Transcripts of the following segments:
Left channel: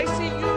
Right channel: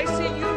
ICU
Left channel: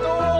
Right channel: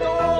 2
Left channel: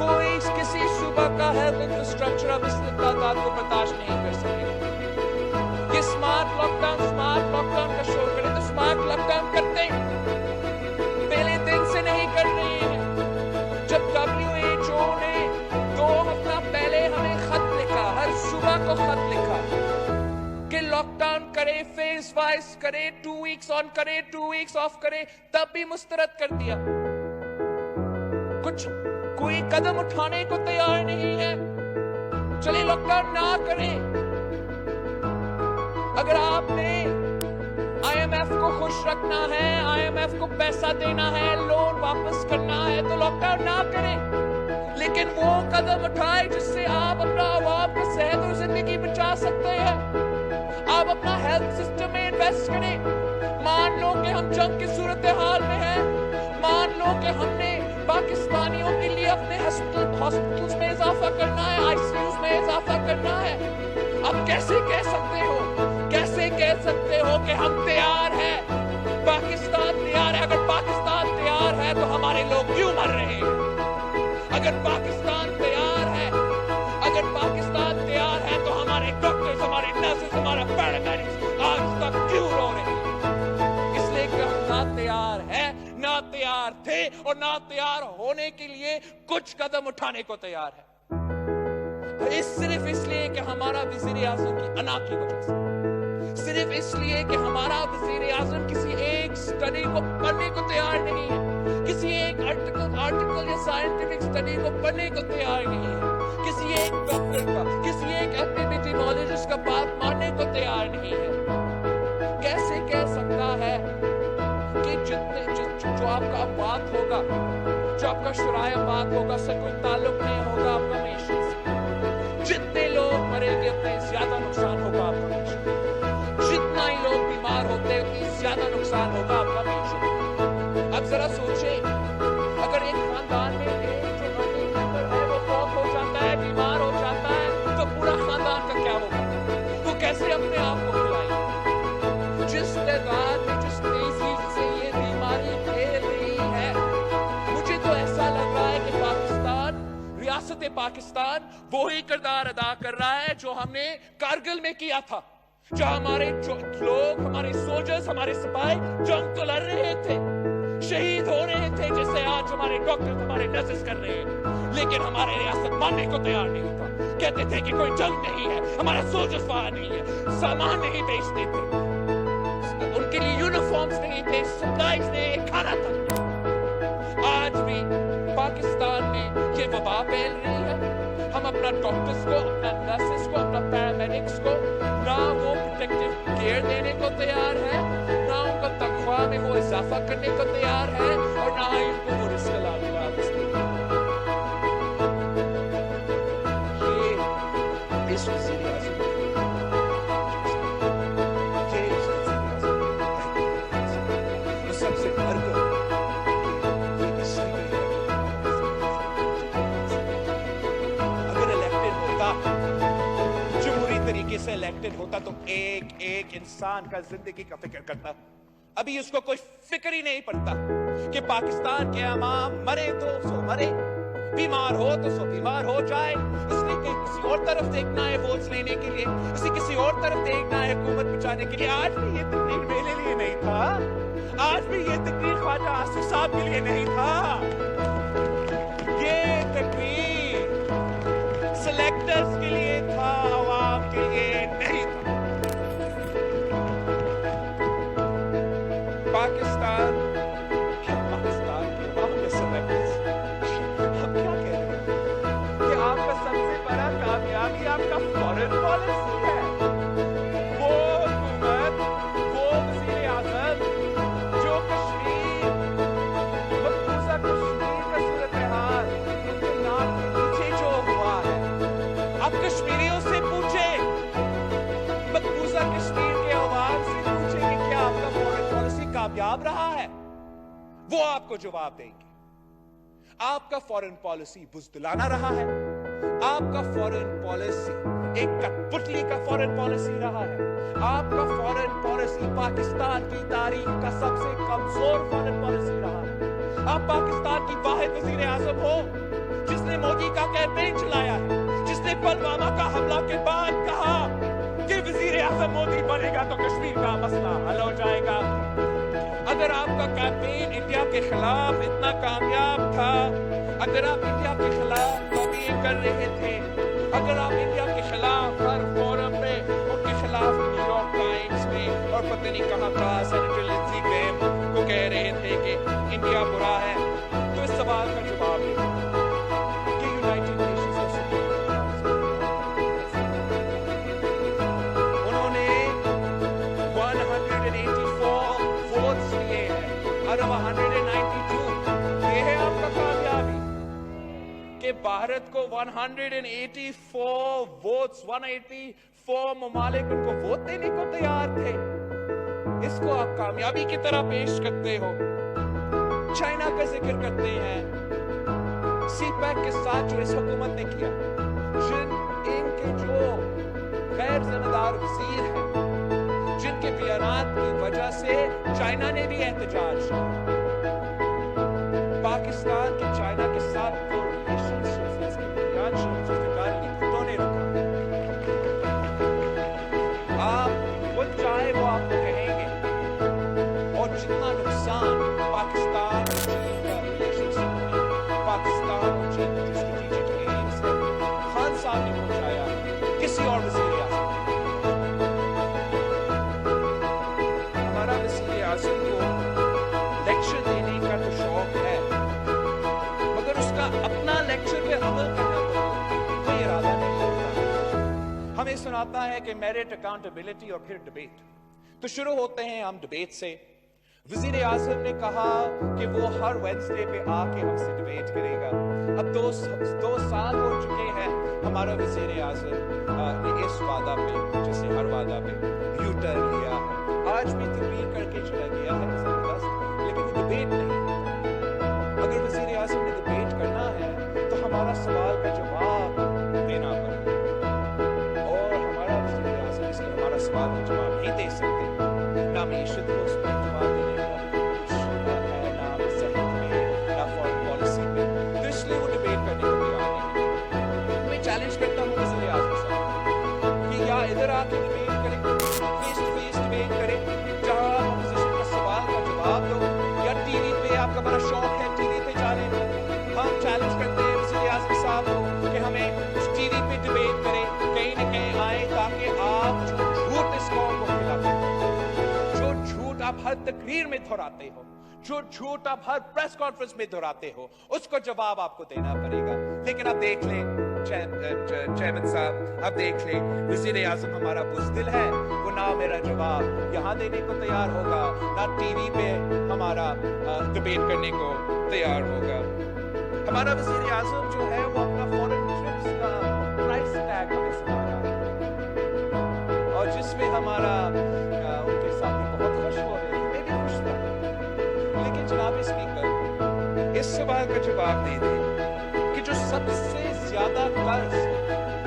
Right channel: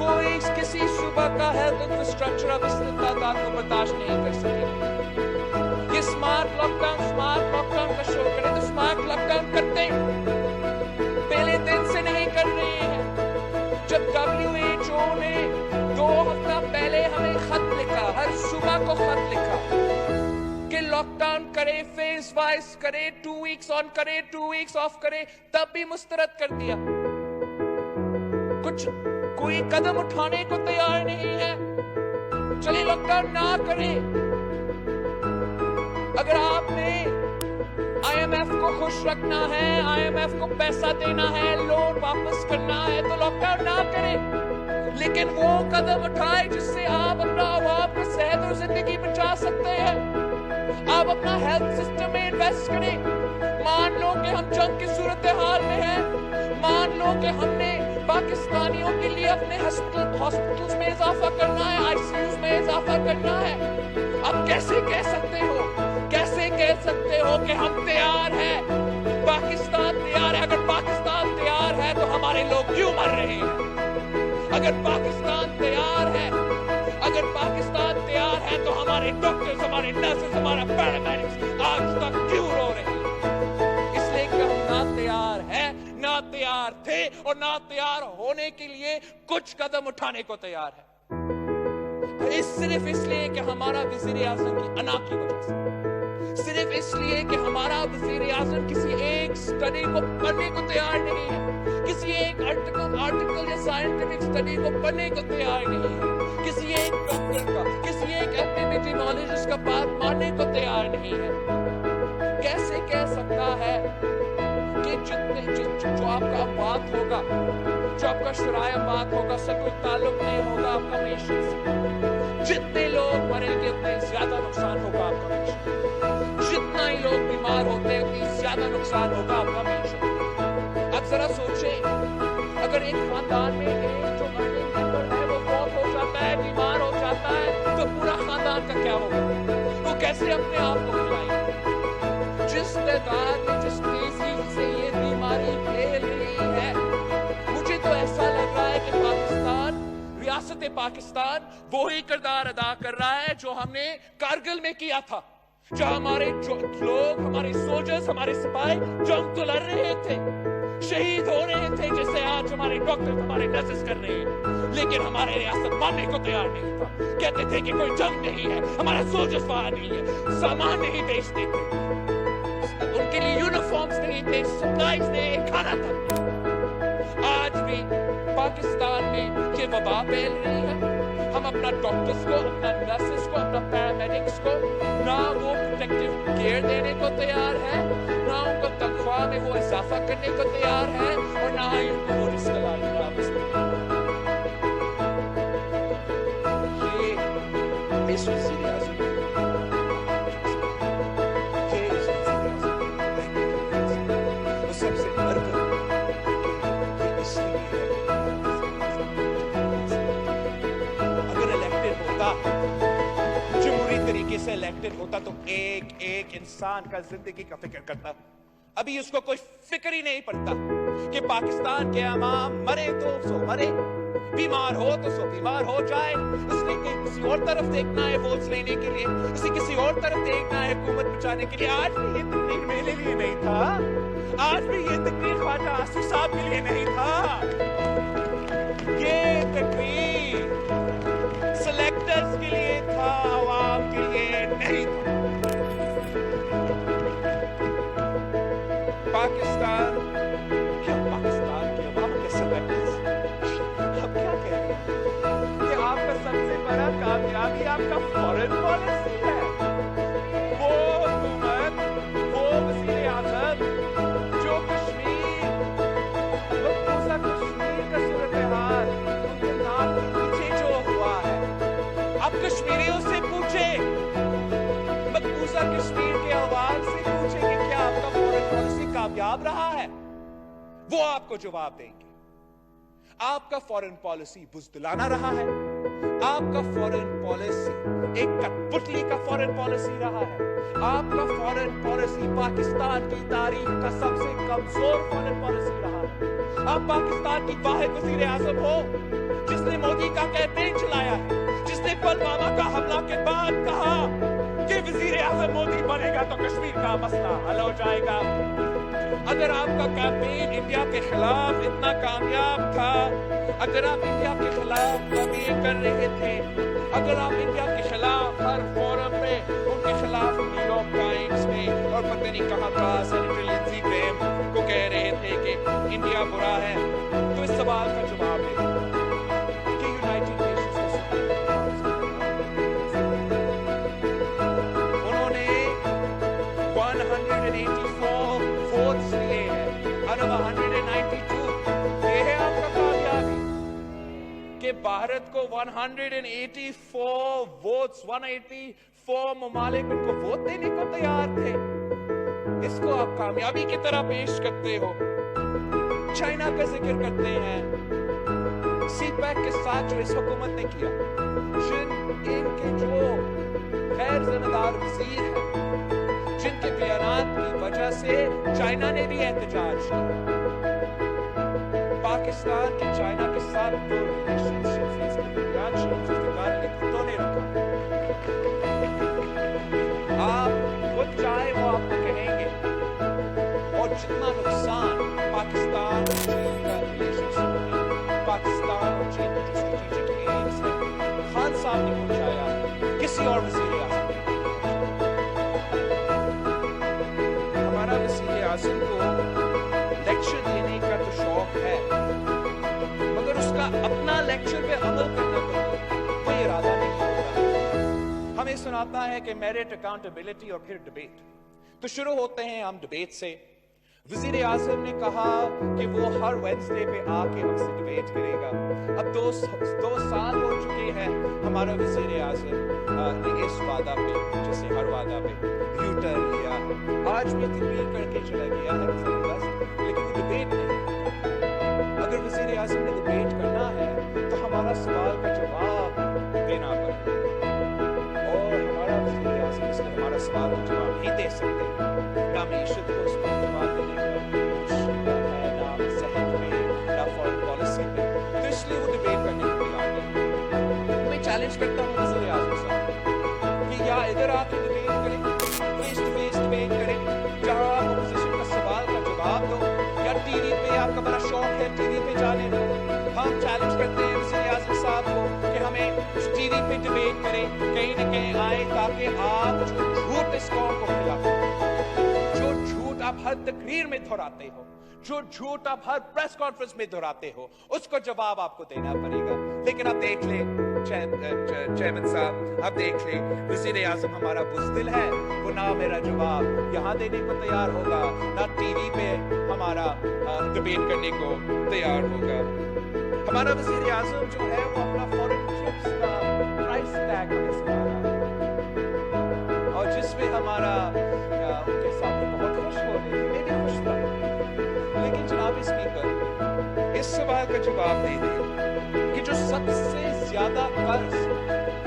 کوئی کسی صوبہ کا ہیلتھ انفراسٹرکچر اب اس تعداد کو برداشت نہیں کر سکے گا. یہ اسمارٹ لاک ڈاؤن کا شور کرے تو اسمارٹ لاک ڈاؤن کرتے ہیں, پہلے دن سے نہیں کر رہے ہیں. جب WHO نے 2 ہفتہ پہلے ہمیں خط لکھا, ہر صوبہ کو خط لکھا کہ لاک ڈاؤن کرے, فیز وائز کرے, 2 ویکس آن کرے, 2 ویکس آف کرے, تب بھی مسترد کر دیا. کچھ کوئی قدم اٹھانے کو تیار نہیں ہے. چلیے لاک ڈاؤن نہ کرے. اگر آپ نے IMF کو خوش رکھنا ہے, IMF کو پیسہ دینا ہے, لون واپس کرنا ہے, تو لاک ڈاؤن نہ کرے. لیکن وہ قدم اٹھائے جس سے آپ اپنا عوام کی صحت اور زندگی بچا سکتے ہیں. آپ اپنا ہیلتھ سسٹم میں انویسٹ کریں. مان لو کہ ہم جنگ کی صورتحال میں ہیں, مان لو کہ ہم نے پاکستانیوں کے لیے اپنے ہاسپٹلز میں اضافہ کرنا ہے, ICUs میں اضافہ کرنا ہے. آپ کیسے کہہ سکتے ہو کہ ہم تیار ہیں, پاکستان تیار ہے؟ اگر پاکستان تیار ہے تو ہمارے لوگ کیوں مر رہے ہیں؟ اگر پاکستان تیار ہے تو ہمارے ڈاکٹرز, ہمارے نرسز, ہمارا پیرامیڈکس آج تک کیوں رو رہے ہیں؟ اس لیے کہ ہم نہ تیار ہیں, نہ تیار تھے, اور نہ تیار ہونے کے لیے کچھ قدم اٹھانے کو تیار ہے. صرف اس لیے کہ ہمارا وزیر اعظم کی انا کی وجہ سے, صرف اس لیے کہ ہمارا وزیر اعظم کسی ایک سٹڈی کو پڑھنے کو تیار نہیں ہے, کسی ایک آرٹیکل یا سائنٹیفک سٹڈی کو پڑھنے کو تیار نہیں ہے, کسی ایک ڈاکٹر کا, کسی ایک ایپیڈیمیولوجسٹ کا بات ماننے کو تیار نہیں ہے. کیسے کہہ سکتا ہے کہ جو آپ کا بات ہوگا, جو آپ کا شرائع بات ہوگا, اس سے کوئی تعلق نہیں ہوگا آپ کا معیشت سے. جتنے لوگ مریں گے اتنے زیادہ نقصان ہوگا آپ کا معیشت. جتنا ہی لوگ بیمار ہوتے ہیں اتنی زیادہ نقصان ہوگا آپ کا معیشت. اب ذرا سوچیں, اگر ایک خاندان میں ایک جو ارننگ ممبر ہے وہ فوت ہو جاتا ہے, بیمار ہو جاتا ہے, تو پورا خاندان کا کیا ہوگا؟ وہ کیسے اپنے آپ کو کھلائیں گے؟ جس تعداد میں, جس تیزی سے یہ بیماری پھیل رہی ہے, مجھے تو ایسا لگ رہا ہے کہ پاکستان, ریاست پاکستان وہی کردار ادا کر رہا ہے جو ہم نے کارگل میں کیا تھا, جہاں ہمارے لوگ, ہمارے سولجرز, ہمارے سپاہی جنگ تو لڑ رہے تھے, شہید ہو رہے تھے, جیسے آج ہمارے ڈاکٹر, ہمارے نرسز کر رہے ہیں. لیکن ہمارے ریاست ماننے کو تیار نہیں تھا. کہتے تھے کہ کوئی جنگ نہیں ہے, ہمارا سولجرز وہاں نہیں ہے, سامان نہیں بیچتے تھے, ان کے لیے یونیفارمز نہیں تھے, سپلائز نہیں, کھانا تک نہیں. آج بھی پاکستان میں یہ وبا پھیل رہی ہے. ہم اپنا ڈاکٹرز کو, اپنا نرسز کو, اپنا پیرامیڈکس کو نہ وہ پروٹیکٹیو کیئر دینے کو تیار ہے, نہ ان کو تنخواہ میں وہ اضافہ کرنے کو تیار ہے, اور نہ ہی ان کو وہ رزق الاؤنس دینے. یہ اس وزیر اعظم سب سے بڑھ کر کہ یہ اس لیے ہے اگر الیکٹڈ ہوتا, جمہوری طریقے سے الیکٹڈ ہوتا, تو ایک ایک انسان کا زندگی کا فکر کرتا. ابھی اس کو کوئی فکر ہی نہیں پڑتا کہ پاکستان کے عوام مرے تو سو مرے, بیمار ہو تو سو بیمار ہو جائے. اس نے کسی اور طرف دیکھنا ہے ووٹس لینے کے لیے, اسے کسی اور طرف دیکھنا ہے حکومت بچانے کے لیے. آج بھی یہ تقریر میرے لیے نہیں تھا, آج بھی یہ تقریر خواجہ آصف صاحب کے لیے نہیں تھا. یہ تقریر سلیکٹرز کے لیے تھا, عوام کے لیے نہیں تھا. پاکستان کے عوام کے سلیکٹرز, آپ کیا کہہ رہے ہیں کہ آپ کا سب سے بڑا کامیابی آپ کا فارن پالیسی ہے. وہ حکومت, وہ وزیر اعظم جو کشمیر, مقبوضہ کشمیر کا صورتحال, ان کے ناک کے نیچے جو ہوا ہے, آپ کشمیریوں سے پوچھیں, مقبوضہ کشمیر کے عوام سے پوچھیں کہ کیا آپ کا فارن پالیسی کامیاب رہا ہے. وہ آپ کو جواب دیں گے. آپ کا فارن پالیسی بزدلانہ رہا ہے, آپ کا فارن پالیسی ایک کٹ پتلی کا فارن پالیسی رہا ہے, آپ کا فارن پالیسی پاکستان کی تاریخ کا سب سے کمزور فارن پالیسی رہا ہے. آپ پاکستان کی واحد وزیر اعظم ہو جس نے مودی کا کیمپین چلایا ہے, جس نے پلوامہ کا حملہ کے بعد کہا کہ وزیر اعظم مودی بنے گا تو کشمیر کا مسئلہ حل ہو جائے گا. اگر آپ کا کیمپین انڈیا کے خلاف اتنا کامیاب تھا, اگر آپ انڈیا کے خلاف لابینگ کر رہے تھے, اگر آپ انڈیا کے خلاف ہر فورم پہ ان کے خلاف نیو یارک ٹائمز میں اور پتہ نہیں کہاں کہاں سینیٹر لنزی گریم کو کہہ رہے تھے کہ انڈیا برا ہے, تو اس سوال کا جواب دیں کہ یونائٹڈ نیشنز کا سیکورٹی کونسل انہوں نے 184 ووٹس لیے ہیں out of 192. یہ ہے آپ کا کامیابی کہ بھارت کو 184 ووٹس, 184 ممالک ان کو ووٹ دینے کو تیار تھے. اس کو آپ کامیابی کی طرح پیش کرتے ہو. چائنا کا ذکر کرتے ہیں, سی پیک کے ساتھ جو اس حکومت نے کیا, ان کے جو غیر ذمہ دار وزیر ہیں, جن کے بیانات کی وجہ سے چائنا نے بھی احتجاج کیا. پاکستان کے چائنا کے ساتھ جو ریلیشن شپ ہے اس کی بنیاد شیخ ذوالفقار علی بھٹو نے رکھا. آپ خود چاہے وہ آپ کو کہیں گے, اور جتنا نقصان پاکستان اور چین کا ریلیشن شپ میں, پاکستان اور چین کے جو اسٹریٹجک ایمز ہے, خان صاحب نے پہنچایا ہے, کسی اور وزیر اعظم نے. ہمارا وزیر اعظم کو لیکچر دینے کا تو شوق ہے, مگر اس کا اپنا لیکچر پہ عمل کرنا تو کوئی ارادہ نہیں ہوتا. ہمیں سناتا ہے کہ میرٹ, اکاؤنٹیبلٹی اور پھر ڈبیٹ. تو شروع ہوتے ہیں ہم ڈبیٹ سے. وزیر اعظم نے کہا کہ وہ ہر وینسڈے پہ آ کے ہم سے ڈبیٹ کرے گا. اب 2 سال ہو چکے ہیں ہمارا وزیر اعظم نے اس وعدہ پہ, جیسے ہر وعدہ پہ یو ٹرن لیا ہے. آج بھی تقریر کر کے چلا گیا ہے زبردست, لیکن وہ ڈبیٹ نہیں ہوتا. اگر وزیر اعظم نے ڈبیٹ کرنا ہے تو ہمارا سوال کا جواب دینا پڑے, اور ہمارا وزیر اعظم اس لیے ہمارا سوال کا جواب نہیں دے سکتے. نہ معیشت کو اس کو جواب دینے کا کچھ ہے, نہ صحت پہ, نہ فارن پالیسی پہ, تو اس لیے وہ ڈبیٹ کرنے کو تیار نہیں. میں چیلنج کرتا ہوں وزیر اعظم صاحب کہ یا ادھر آ کے ڈبیٹ کریں, فیس ٹو فیس ڈبیٹ کریں جہاں آپ اپوزیشن کا سوال کا جواب دو, یا ٹی وی پہ آپ کا بڑا شوق ہے ٹی وی پہ جانے دو. ہم چیلنج کرتے ہیں وزیر اعظم صاحب کو کہ ہمیں ٹی وی پہ ڈبیٹ کریں, کہیں نہ کہیں آئے, تاکہ آپ جو جھوٹ اس قوم کو کھلاتے ہیں, جو جھوٹ آپ ہر تقریر میں دہراتے ہو, جو جھوٹ آپ ہر پریس کانفرنس میں دہراتے ہو, اس کو جواب آپ کو دینا پڑے گا. لیکن آپ دیکھ لیں چیئرمین صاحب, آپ دیکھ لیں وزیر اعظم ہمارا بزدل ہے, وہ نہ میرا جواب یہاں دینے کو تیار ہوگا, نہ ٹی وی پہ ہمارا ڈبیٹ کرنے کو تیار ہوگا. ہمارا وزیر اعظم جو ہے وہ اپنا فورن ٹرپس کا پرائس ٹیگ ہمیں سنا رہا ہے, اور جس پہ ہمارا ان کے ساتھی بہت خوش ہو رہے تھے, میں بھی خوش تھا. لیکن جناب اسپیکر, اس سوال کا جواب دے دیں کہ جو سب سے زیادہ قرض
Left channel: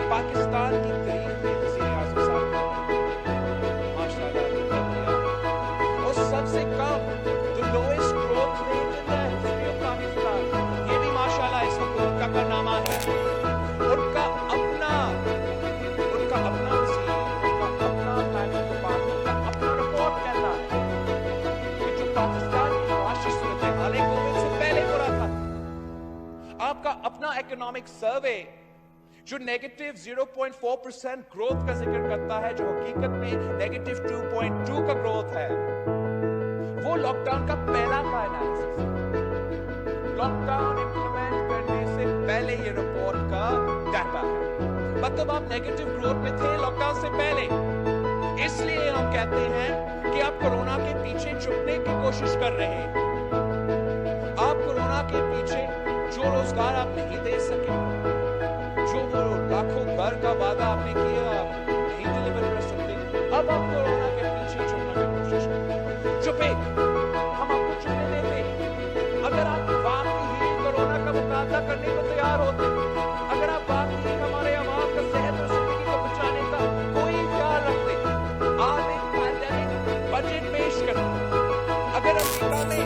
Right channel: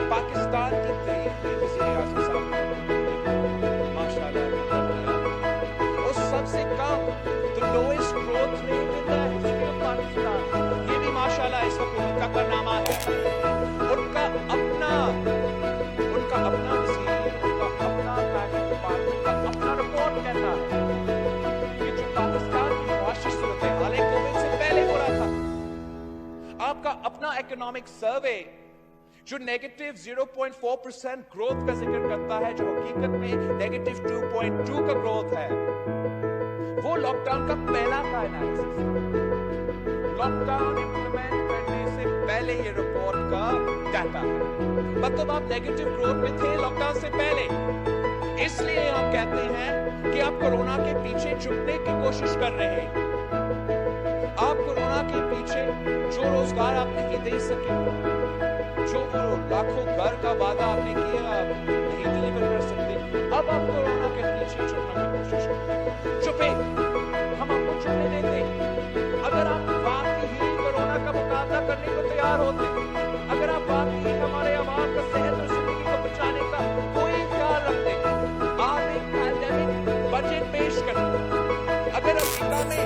پاکستان کی تاریخ میں وزیر اعظم صاحب کی حکومت نے ماشاءاللہ کیا, اور سب سے کم the lowest growth rate in the history of Pakistan, یہ بھی ماشاءاللہ اس حکومت کا کارنامہ ہے. ان کا اپنا وزیر, ان کا اپنا پلاننگ ڈپارٹمنٹ کا اپنا رپورٹ کہتا ہے کہ جو پاکستان کی معاشی صورتحال کووڈ سے پہلے برا تھا. آپ کا اپنا اکنامک سروے جو نیگیٹو 0.4% گروتھ کا ذکر کرتا ہے, جو حقیقت میں نیگیٹو 2.2 کا گروتھ ہے, وہ لاک ڈاؤن کا پہلا کا انالیسس ہے. لاک ڈاؤن امپلیمنٹ کرنے سے پہلے یہ رپورٹ کا ڈیٹا ہے. مطلب آپ نیگیٹو گروتھ میں تھے لاک ڈاؤن سے پہلے. اس لیے ہم کہتے ہیں کہ آپ کورونا کے پیچھے چھپنے کی کوشش کر رہے ہیں. آپ کورونا کے پیچھے جو روزگار آپ نہیں دے سکے, جو وہ لاکھوں گھر کا وعدہ آپ نے کیا آپ نہیں ڈیلیور کر سکتے, اب آپ کورونا کے پیچھے چھپنے کی کوشش کرتے. چھپے, ہم آپ کو چھپنے دیتے. اگر آپ واقعی ہی کورونا کا مقابلہ کرنے کو تیار ہوتے, اگر آپ واقعی ہمارے عوام کا صحت اور زندگی کو بچانے کا کوئی خیال رکھتے, آپ ایک پینڈیمک بجٹ پیش کرتے. اگر امریکہ میں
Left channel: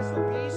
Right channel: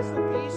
SOPs